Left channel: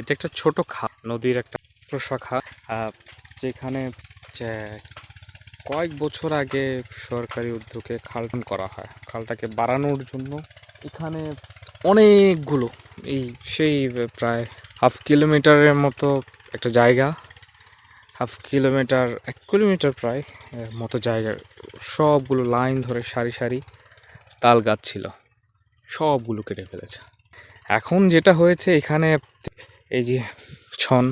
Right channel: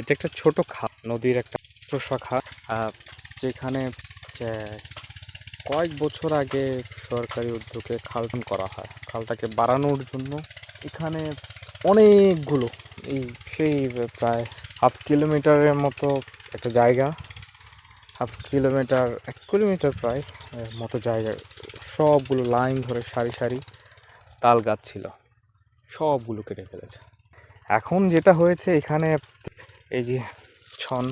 এটা একটা ছোট খাল, নদীর একটা প্রশাখা, যেখানে যে কয়েক বছর আগে সরকারি উদ্যোগে খালটা করা হয়। খালটাকে বাড়ানোর জন্য এখানে অনেকগুলো এই সেই প্রায় হাফ কিলোমিটারের মতো একটা জায়গা, হাফ কিলোমিটার 1 কিলোমিটার প্রায় মতো জায়গার সবগুলো লাইন ধরে সারি সারি তাল গাছ ছিল, সবগুলো কেটে ফেলেছে। এখন যেটা হয়েছে এখানে এই যে ছন,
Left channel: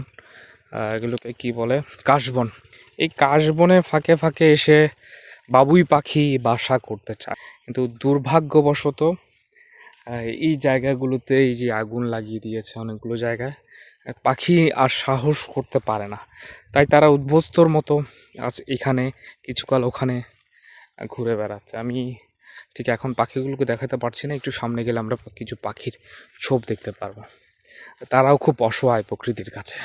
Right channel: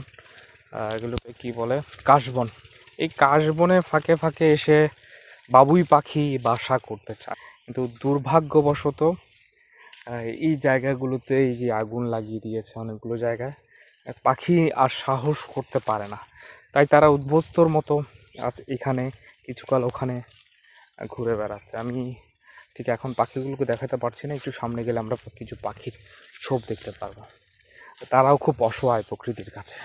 এগুলোকে কি বলে, কাশবন। এই কাশবনের ফাঁকে ফাঁকে এসে বাবুই পাখি বাসা করতে চায়, কিন্তু দুর্ভাগ্যবশত এই জায়গাগুলোতে এই যে আগুন লাগিয়ে দিয়েছে অনেকগুলো জায়গায়, পাখি আর সাহস করতে পারে না। তাই তারা উদ্বস্তর মতো আজ এখানে কিছুকাল ওখানে ঘুরে বেড়াচ্ছে। আমি ঠিক এখন পাখিগুলোকে দেখাতে পারছি না, একটু সামনে গেলে আমরা কিছু পাখির ছোপ দেখতে পারবো। তারাও খুব অসহায় প্রকৃতির কাছে।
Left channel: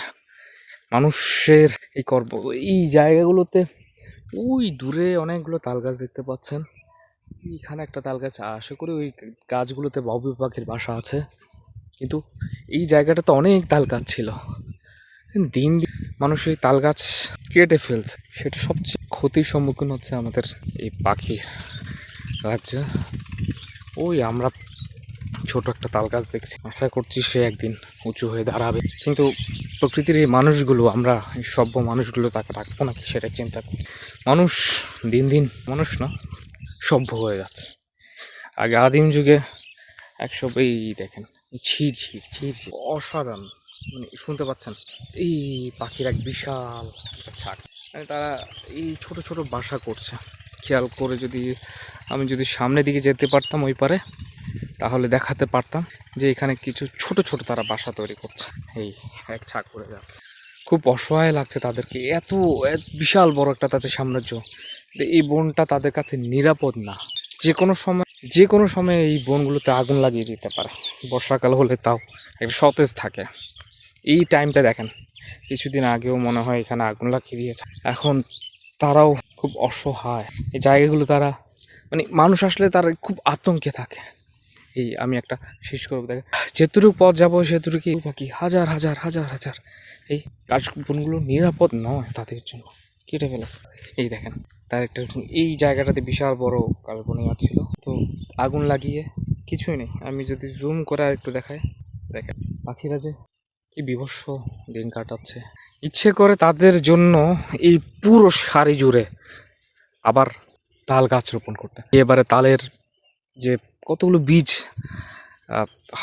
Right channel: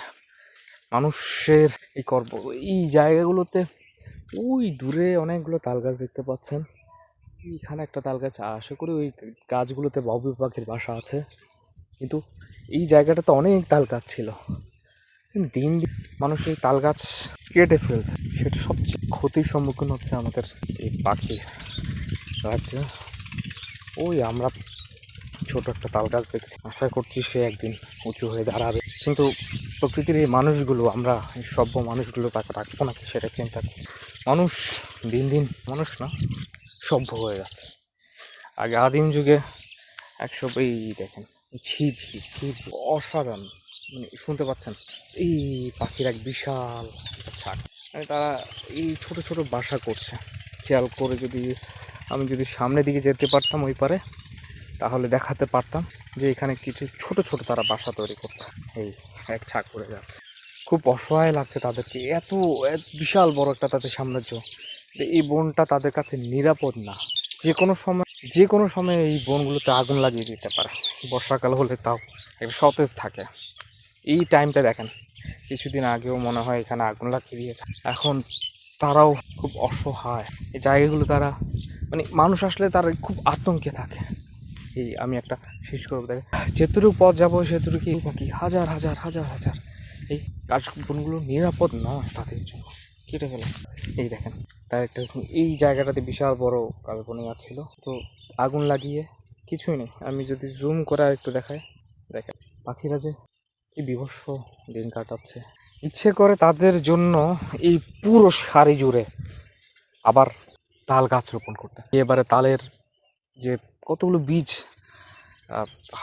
মানুষের এই কর্ম, এই জায়গাগুলোতে ওই দূরে অনেকগুলো তাল গাছ দেখতে পাচ্ছেন, এইখানে একটা তাল গাছ, আশা করি ওই গাছগুলোতে বাবুই পাখির বাসা আছে। কিন্তু এই জায়গাটাতে অনেক তাল গাছ ছিল, দিন দিন মানুষ এই তাল গাছ কেটে ফেলছে। সেটা সবচেয়ে ক্ষতির সম্মুখীন হচ্ছে আমাদের এই পাখির রাজ্যে। ওই আমরা ছোট একটা তাল গাছ দেখছি, আশা করছি সে একদিন উঁচু হয়ে দাঁড়াবে। কিন্তু প্রকৃতির এই মানুষগুলো, আমরা এই সভ্য মানুষগুলো তাকে রাখবো নাকি সেটা চিন্তা করি। মানুষ দিন দিন, মানুষ না, সভ্য হয়ে যাচ্ছে। আগে আদিম যুগে এই দেখেন, ঝির ঝির ঝির ঝির, অসাধারণ, মানে শুনতে পাচ্ছেন এই পাখির এক বিশাল একটা ছাগ, মানে তারা এই ছোট ছোট বাসা করছে। খেয়াল করে আমি যদি সামনের দিকে যেতে পারতাম ওই পারে, তাহলে দেখাতে পারতাম যে এখানে কিছু ছোট ছোট তারা বাসা তৈরি করছে। এই এক ছাগ করে যাচ্ছে, খুব অসহায় লাগছে তাদেরকে। এত বিশাল বড় একটা তাদের সাম্রাজ্য, এই বনটা তাদের কাছে নিরাপদ না। যে কোনো সময় এই বনগুলোতে আগুন লাগিয়ে দিতে পারে। বর্ষাকাল হলে তাও একটা সতেজ থাকে। এই টাইমটা দেখেন, কিছুদিন আগেও মনে হয় এখানে আগুন লাগিয়ে দিয়েছে। এখন তারাও খুব অসহায়। এই জায়গাগুলো তারা, মানে মানুষ আসলে তারা খুব আতঙ্কে থাকে। এই আমি একটা শেষ করবো, দেখেন যেটুকু পথ যাবো সেটুকু পাখি হাজার হাজার হাজার হাজার, এই কাশবনগুলো নিরাপদ নয় তাদের জন্য, কেটে ফেলেছে। এই দেখেন তার একটা, এই জায়গাটাতে বিশাল বড় কাশবন ছিল, তো আগুন লাগিয়ে কিছুই নেই। আমি যদি জুম করে আর একটু দেখাই, দেখেন পাখিরা যে কি বিভৎস দিন কাটাচ্ছে। ইচ্ছে করে তাদের জন্য এই পুরো সারি জুড়ে আবার তাল গাছ রোপণ করতে। এবারে তালের যে কতগুলো বীজ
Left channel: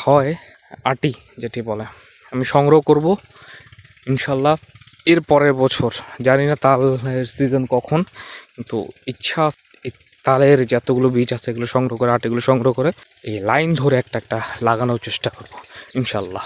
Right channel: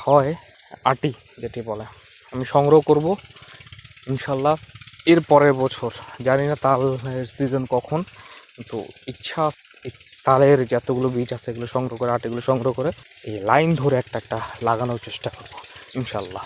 হয়, আটি যেটি বলে, আমি সংগ্রহ করব ইনশাল্লাহ এর পরের বছর। জানি না তালের সিজন কখন, কিন্তু ইচ্ছা এই তালের যতগুলো বীজ আছে এগুলো সংগ্রহ করে, আটিগুলো সংগ্রহ করে এই লাইন ধরে একটা একটা লাগানোর চেষ্টা করব ইনশাল্লাহ।